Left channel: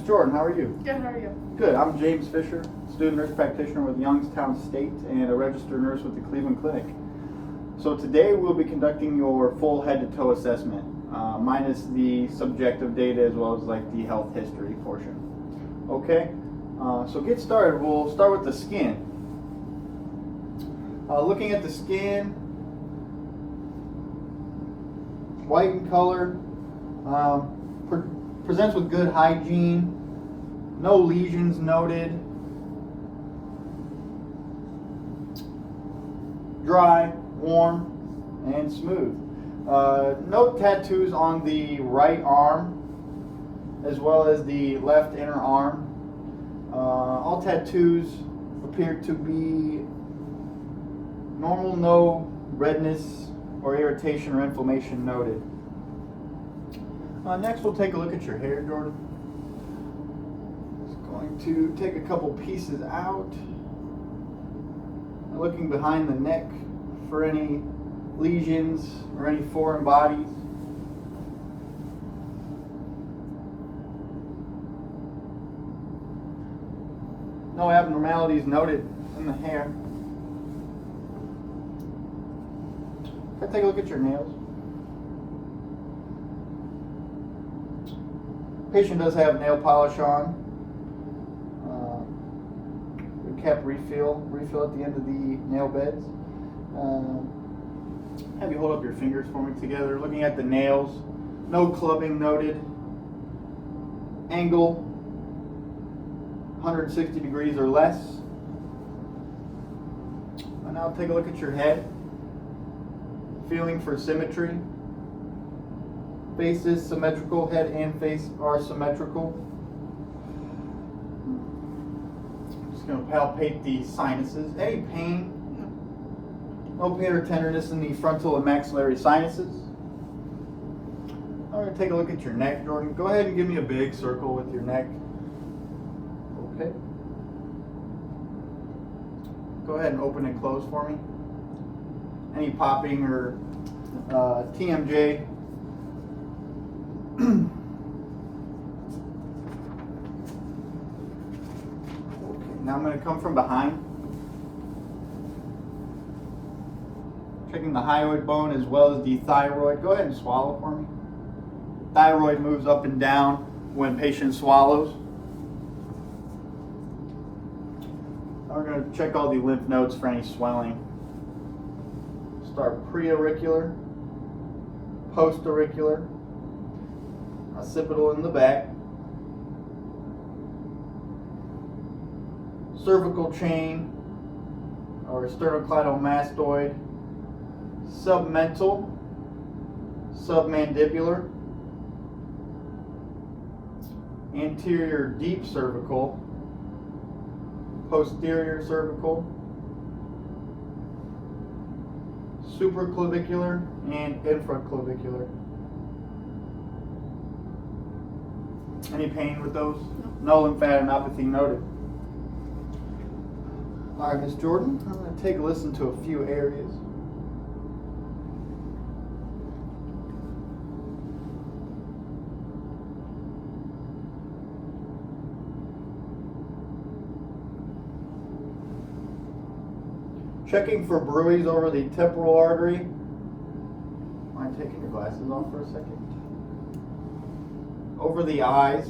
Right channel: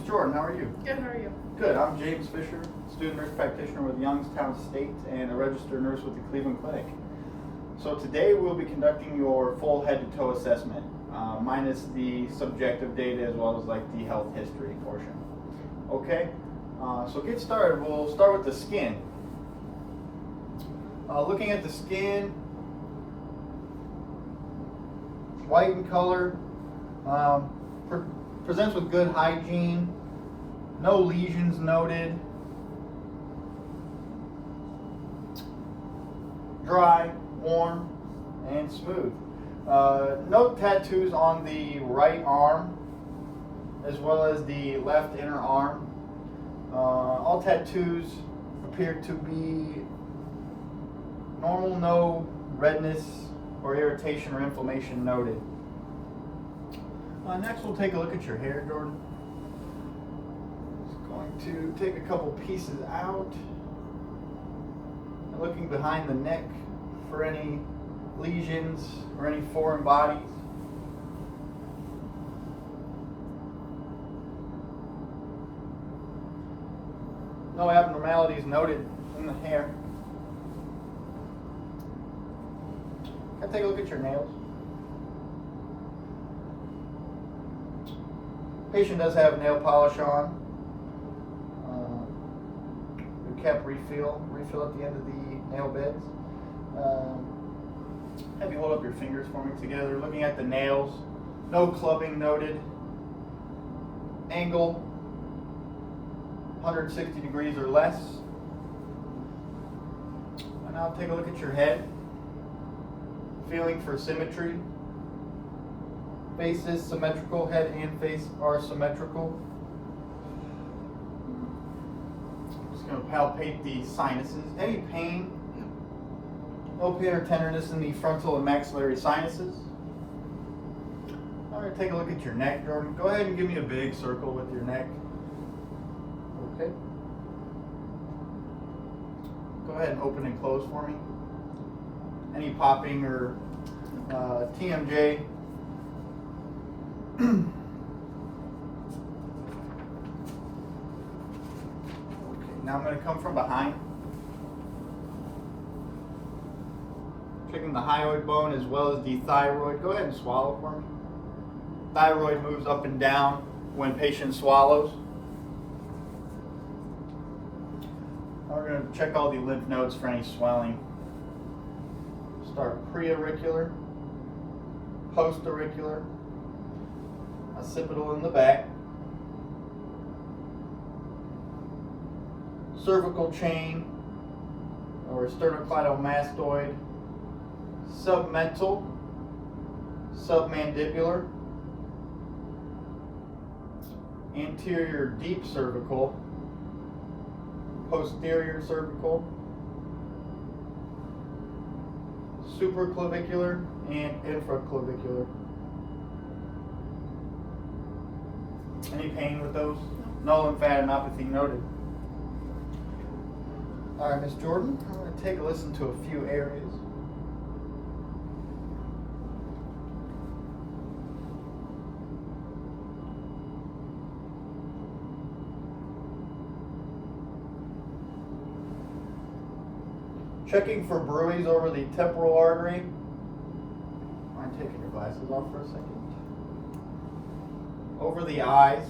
Ms. Jordan, how are you? Good, how are you? Good. I'm James Fisher, student nurse practitioner with Youngstown State and a registered nurse with the Cleveland Clinic. So today we'll be conducting your full head to toe assessment, minus the subjective data as well as like the health history portion. Okay, so get started. We'll start with the skin. Looking at the skin, white in color, presents with good hygiene, no lesions noted, dry, warm, and smooth. No tattoos on the right arm as well as the left inner arm. All tattoos appear to be normal, no redness or irritation or inflammation noted. Next we'll take a look at your hair, Jordan. Just going to take a couple pieces out. And looking behind the neck for any lesions or any foreign bodies. No abnormalities noted in the hair. Can I take a look at your nails? Patient does have nail polish on. We kept refill at the end of the nail beds. Have you hold up your fingers for me together. Looking at the nails, no clubbing noted. Angle 160 degrees or less. And now take a look at your head. Feeling for symmetry. Face is symmetrical, head and face are symmetrical. Just going to palpate the sinuses. Any pain? No pain or tenderness in the frontal and maxillary sinuses. I'm going to take a look at your neck, Jordan. Go ahead and give me a big circle with your neck. Okay. Go ahead and open and close for me. Any popping or TMJ. Okay, now I'm going to come from behind. Checking the hyoid bone as well as the thyroid. Go ahead and swallow for me. Thyroid moves up and down when patient swallows. Now we're going to check all the lymph nodes for any swelling. Start pre-auricular, post-auricular, occipital in the back, cervical chain or sternocleidomastoid, submental, submandibular, anterior deep cervical, posterior cervical, supraclavicular and infraclavicular. Any pain with those? No lymphadenopathy noted. All right, Ms. Jordan, I'm going to take a listen to a few areas. Checking for bruise over the temporal artery. Mind taking your glasses off for a second? Over the eyes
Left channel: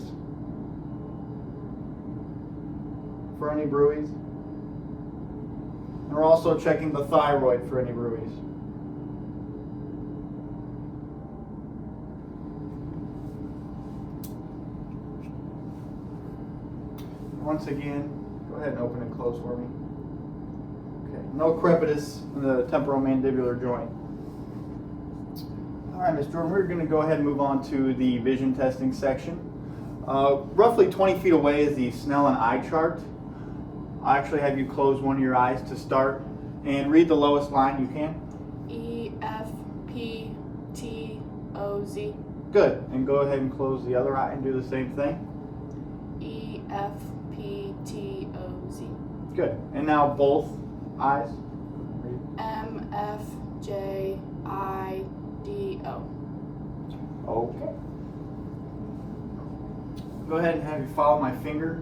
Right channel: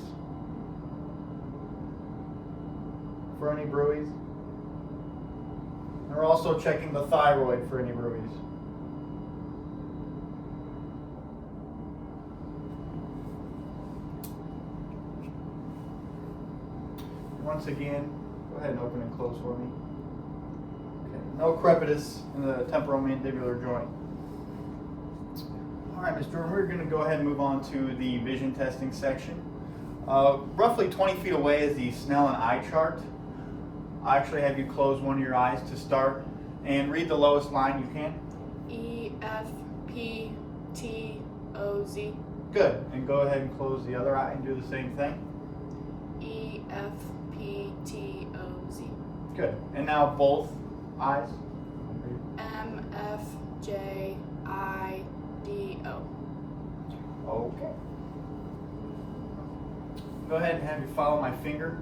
for any bruise. And we're also checking the thyroid for any bruise. Once again, go ahead and open and close for me. Okay, no crepitus in the temporomandibular joint. All right, Ms. Jordan, we're going to go ahead and move on to the vision testing section. Roughly 20 feet away is the Snellen eye chart. I'll actually have you close one of your eyes to start and read the lowest line you can. E, F, P, T, O, Z. Good, and go ahead and close the other eye and do the same thing. E, F, P, T, O, Z. Good, and now both eyes. M, F, J, I, D, O. Okay. Go ahead and have you follow my finger.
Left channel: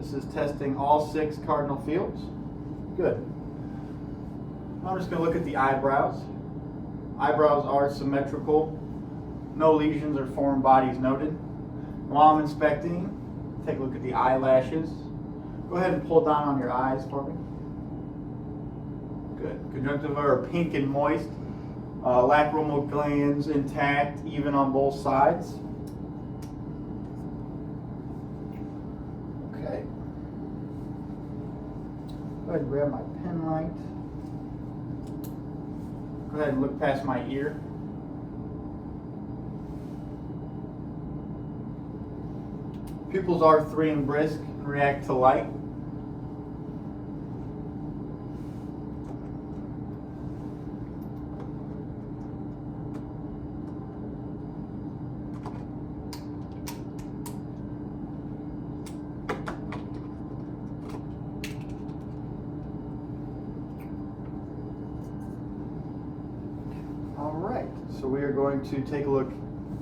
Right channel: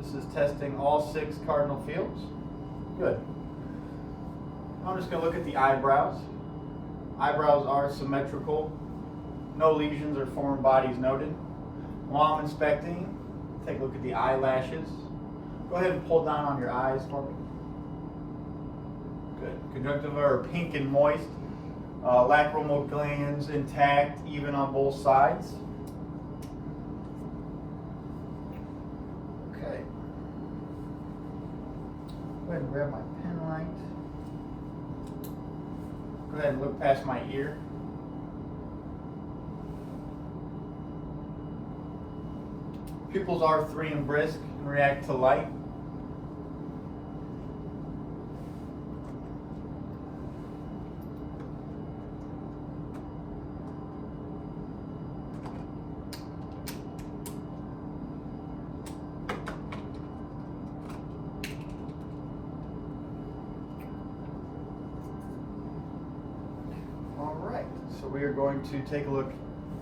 This is testing all 6 cardinal fields. Good. I'm just going to look at the eyebrows. Eyebrows are symmetrical. No lesions or foreign bodies noted. While I'm inspecting, take a look at the eyelashes. Go ahead and pull down on your eyes for me. Good. Conjunctiva are pink and moist. Lacrimal glands intact, even on both sides. Okay. Go ahead and grab my pen light. Go ahead and look past my ear. Pupils are 3 and brisk and react to light. All right, so we are going to take a look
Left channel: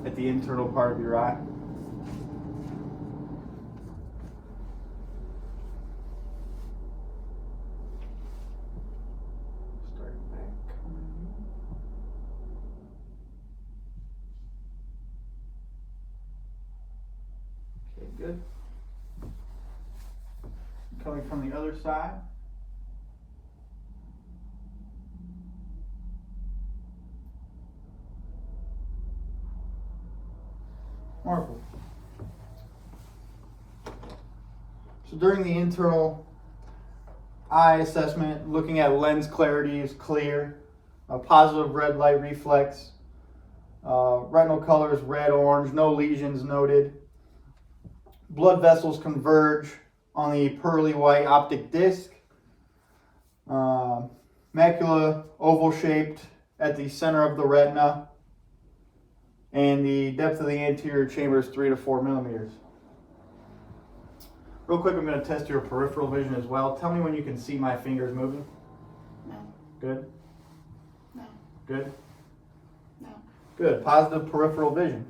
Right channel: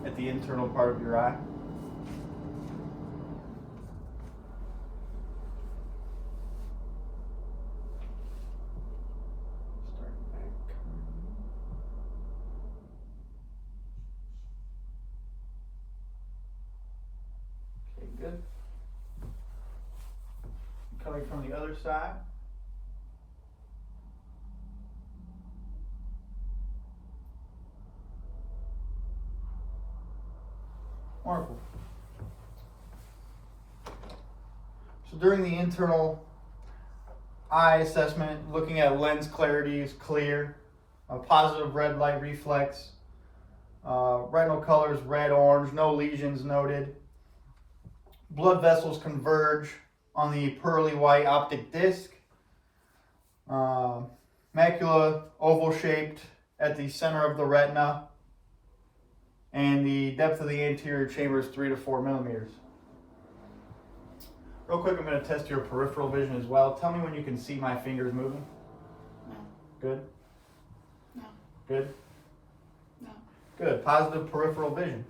at the internal part of your eye. Start back. Okay, good. Coming from the other side. Wonderful. So during the internal eye assessment, looking at lens clarity is clear, positive red light reflex, retinal color is red, orange, no lesions noted. Blood vessels converge on the pearly white optic disc. Macula oval shaped at the center of the retina. And the depth of the anterior chamber is 3 to 4 millimeters. Real quick, I'm going to test your peripheral vision as well. Tell me when you can see my fingers moving. No. Good? No. Good? No. Good. Positive peripheral vision.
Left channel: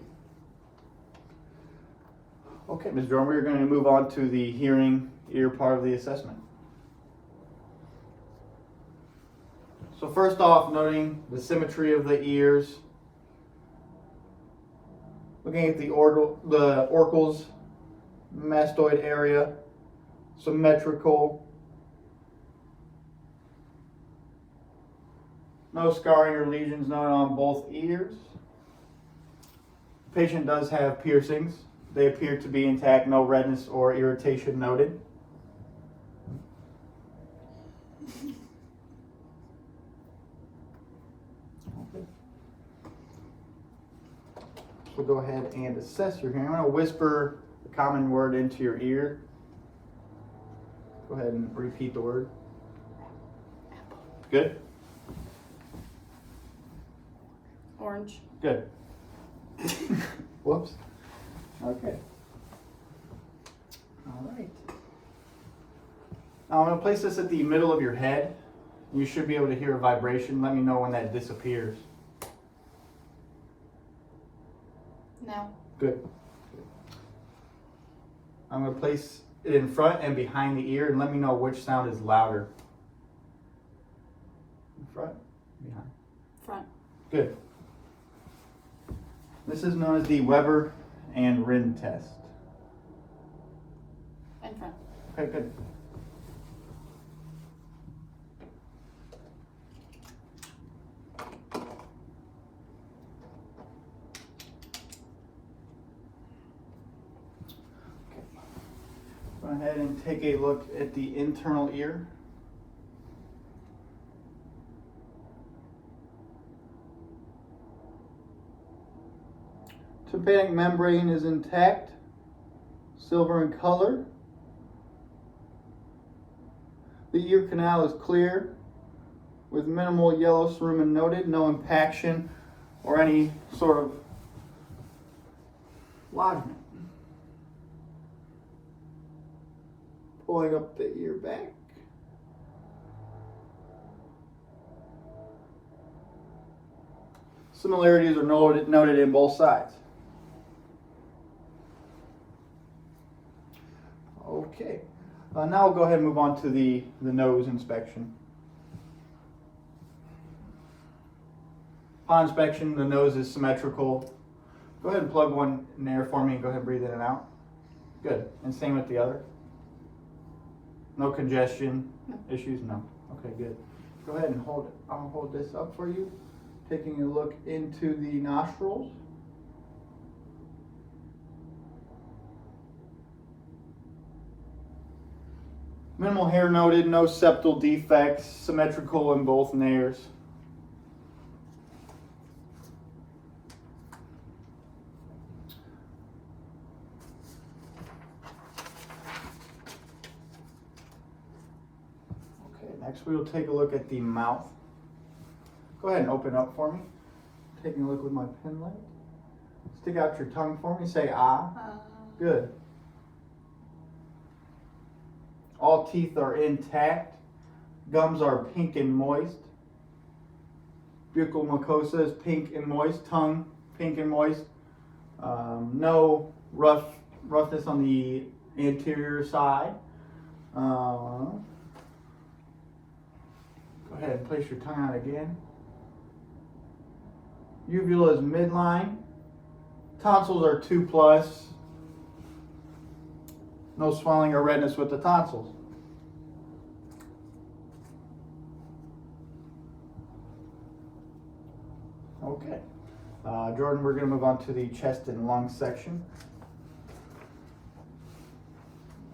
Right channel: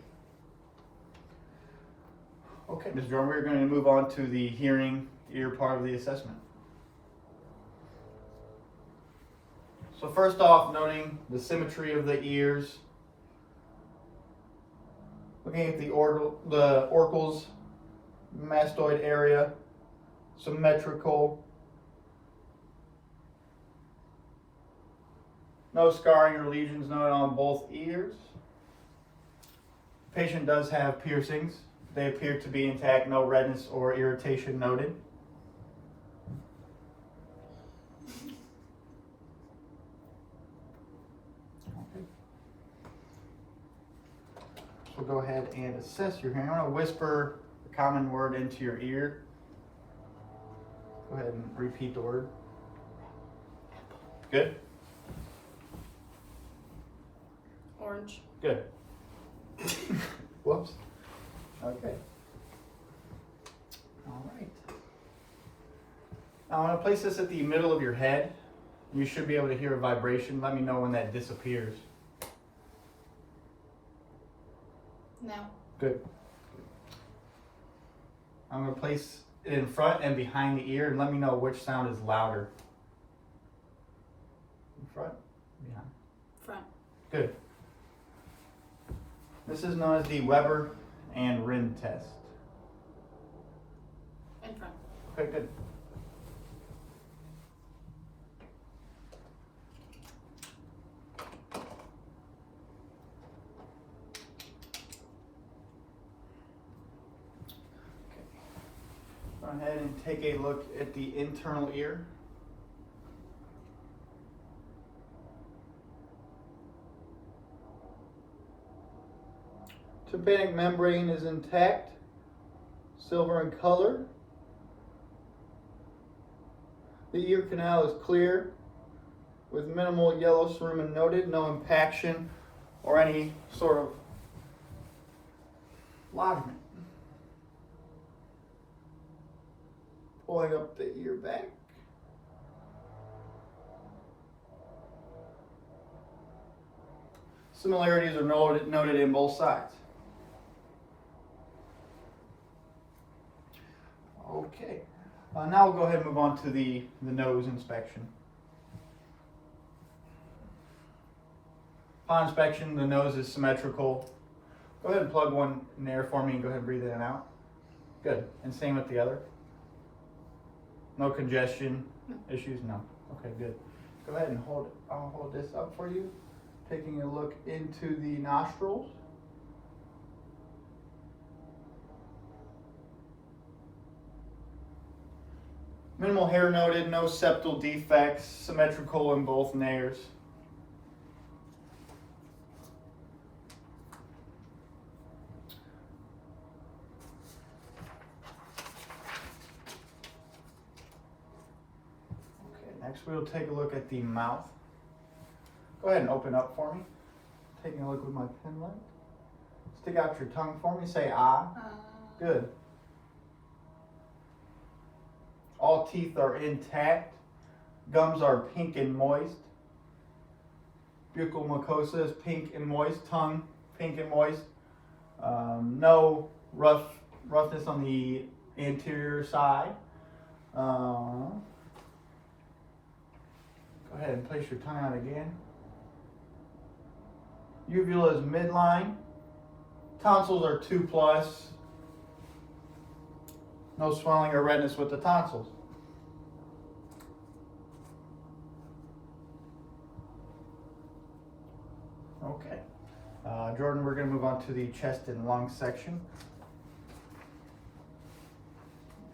Okay, Ms. Drummer, we're going to move on to the hearing ear part of the assessment. So first off, noting the symmetry of the ears. Looking at the oracles, mastoid area, symmetrical. No scarring or lesions noted on both ears. The patient does have piercings. They appear to be intact, no redness or irritation noted. Okay. We'll go ahead and assess your hearing. I'm going to whisper a common word into your ear. Go ahead and repeat the word. Good? Orange. Good. Whoops. Okay. All right. Now I'm going to place this at the middle of your head. You should be able to hear a vibration. Let me know when that disappears. No. Good. I'm going to place it in front and behind the ear and let me know which sound is louder. In front, behind. Front. Good. This is known as the Weber and Rin test. In front. Okay, good. Go ahead and take a look at the internal ear. Tympanic membrane is intact, silver in color. The ear canal is clear with minimal yellow cerumen noted, no impaction or any sort of lodgement. Pulling up the ear back. Similarities are noted in both sides. Okay, now we'll go ahead and move on to the nose inspection. Upon inspection, the nose is symmetrical. Go ahead and plug one in there for me and go ahead and breathe in and out. Good. And same with the other. No congestion issues? No. Okay, good. Go ahead and hold it. I'll hold this up for you. Taking a look into the nostrils. Minimal hair noted, no septal defects, symmetrical in both nares. Okay, next we'll take a look at the mouth. Go ahead and open up for me. Taking a look with my pen light. Stick out your tongue for me, say ah. Good. All teeth are intact. Gums are pink and moist. Buccal mucosa is pink and moist. Tongue, pink and moist. No roughness on the anterior side. Go ahead and place your tongue out again. Uvula is midline. Tonsils are 2+. No swelling or redness with the tonsils. Okay. Jordan, we're going to move on to the chest and lung section.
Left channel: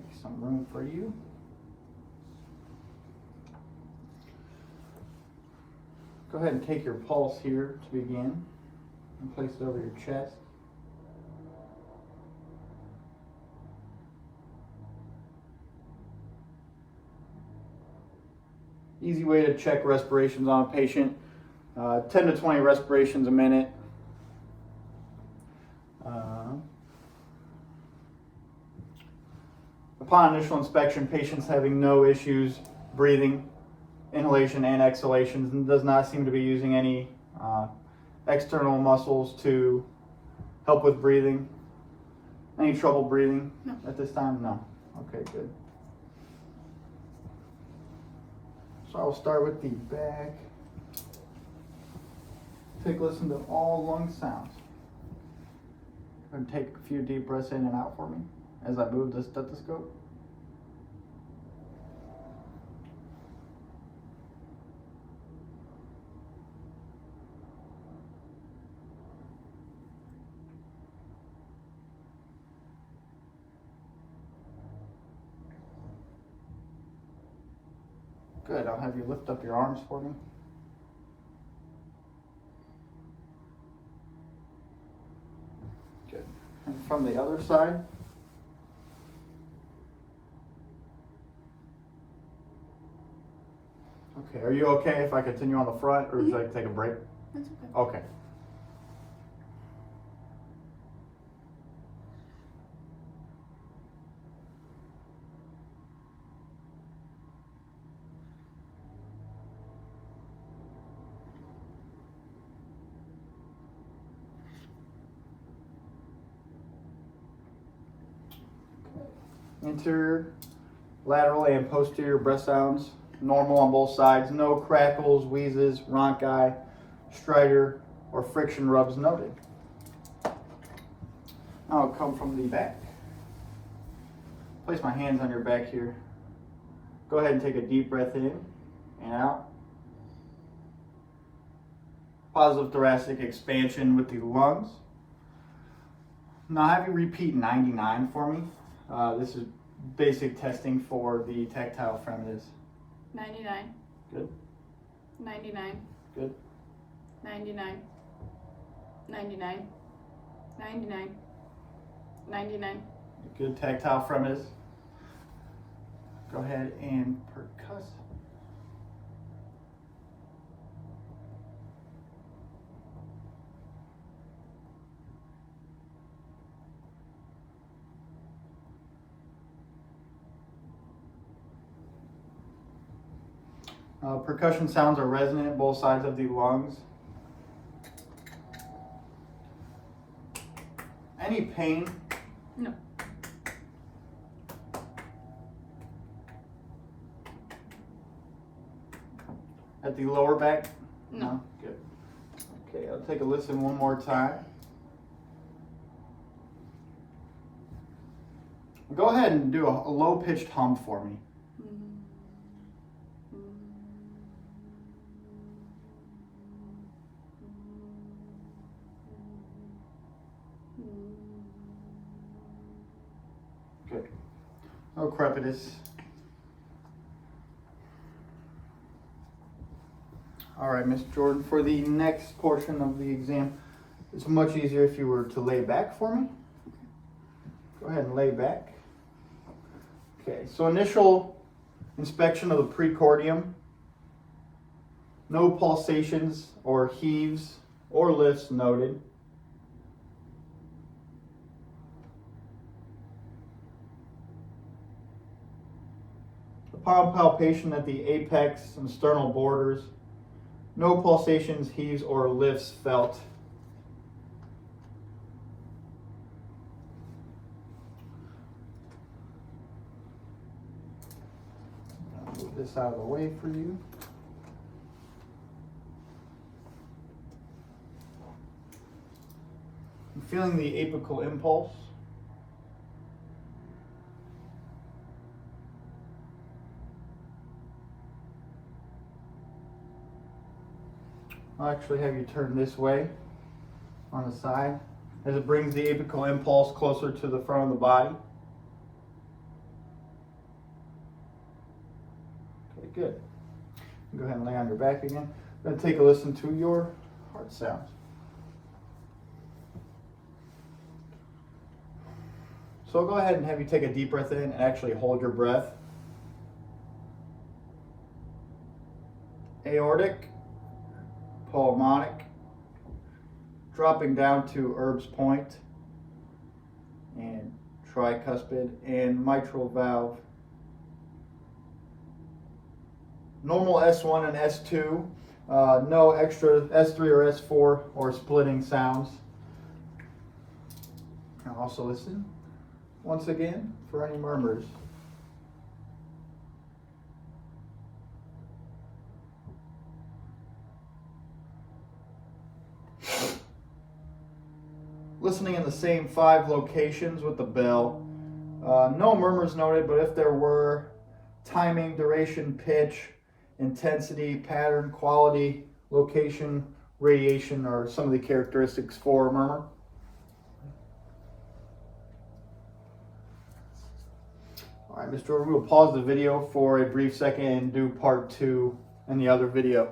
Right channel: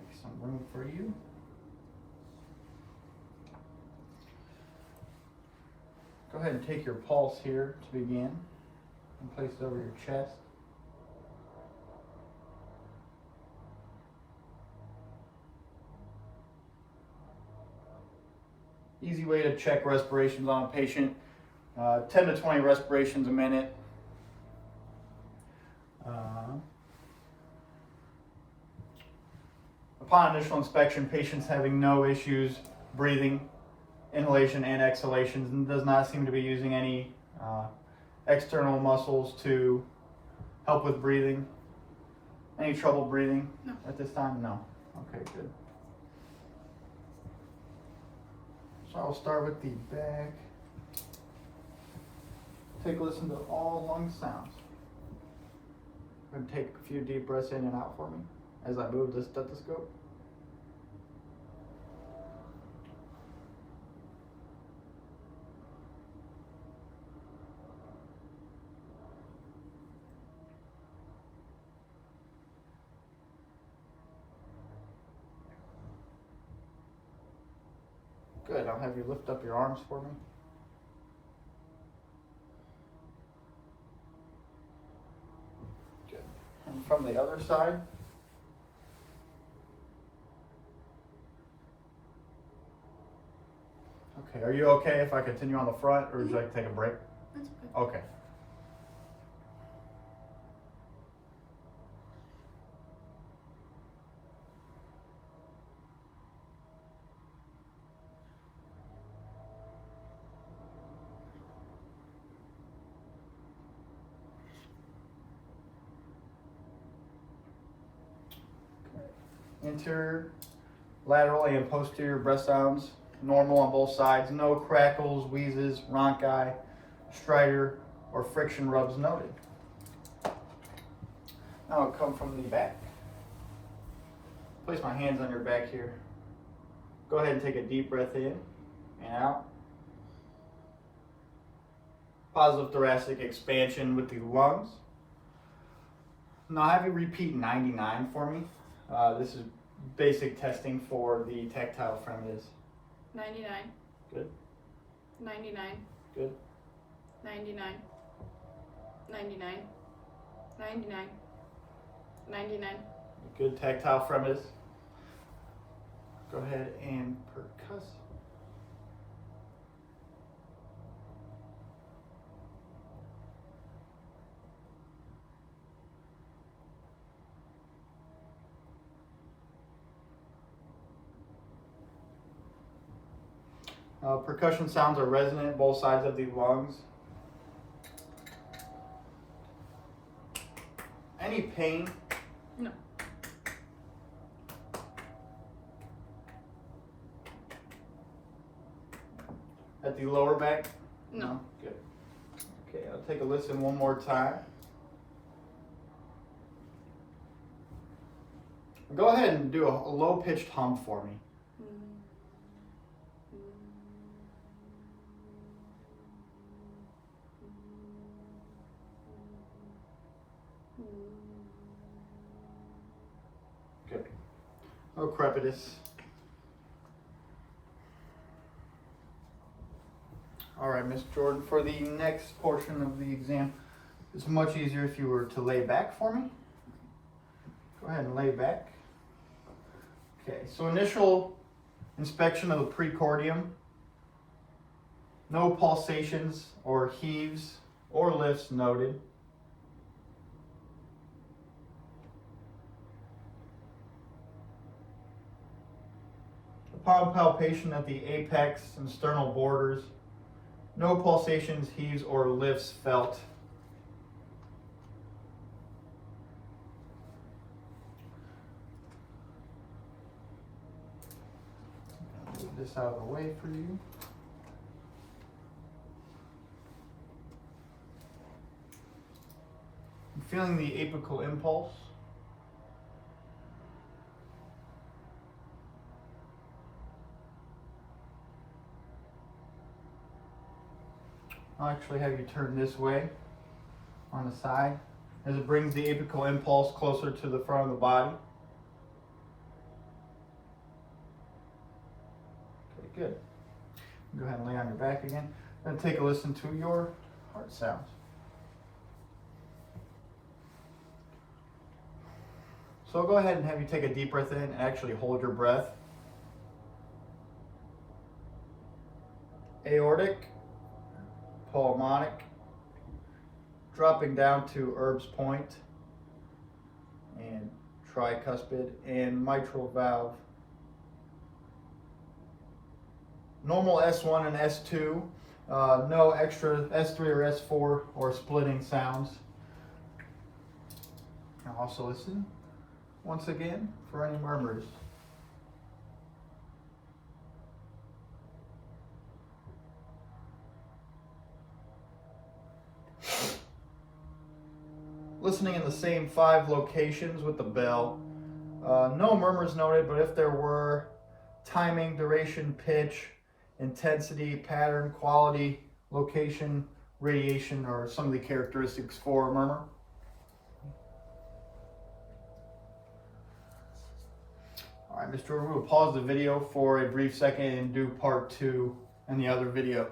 Make some room for you. Go ahead and take your pulse here to begin and place it over your chest. Easy way to check respirations on a patient, 10 to 20 respirations a minute. Upon initial inspection, patients having no issues breathing, inhalation and exhalations, and does not seem to be using any external muscles to help with breathing. Any trouble breathing at this time? No. Okay, good. So I'll start with the back. Take a listen to all lung sounds. And take a few deep breaths in and out for me as I move the stethoscope. Good, I'll have you lift up your arms for me. Good. And from the other side. Okay, are you okay if I continue on the front, or would you like to take a break? That's okay. Okay. Interior, lateral, and posterior breath sounds, normal on both sides. No crackles, wheezes, rhonchi, stridor, or friction rubs noted. Now I'll come from the back. Place my hands on your back here. Go ahead and take a deep breath in and out. Positive thoracic expansion with the lungs. Now have you repeat 99 for me. This is basic testing for the tactile friendliness. 99. Good. 99. Good. 99. 99. 99. 99. Good tactile friendliness. Go ahead and percuss. Percussion sounds are resonant both sides of the lungs. Any pain? No. At the lower back? No. Good. Okay, I'll take a listen one more time. Go ahead and do a low-pitched hum for me. Good. No crepitus. All right, Miss Jordan, for the next portion of the exam, it's much easier if you were to lay back for me. Go ahead and lay back. Okay, so initial inspection of the precordium. No pulsations or heaves or lifts noted. Upon palpation at the apex and sternal borders, no pulsations, heaves, or lifts felt. I'll move this out of the way for you. I'm feeling the apical impulse. I'll actually have you turn this way on the side as it brings the apical impulse closer to the front of the body. Okay, good. Go ahead and lay on your back again. Then take a listen to your heart sounds. So I'll go ahead and have you take a deep breath in and actually hold your breath. Aortic, pulmonic, dropping down to Erb's point, and tricuspid, and mitral valve. Normal S1 and S2, no extra S3 or S4 or splitting sounds. I'll also listen once again for any murmurs. Listening in the same 5 locations with the bell. No murmurs noted, but if there were, timing, duration, pitch, intensity, pattern, quality, location, radiation, or some of the characteristics for a murmur. All right, Mr. Jordan, we will pause the video for a brief second and do part 2 in the other video.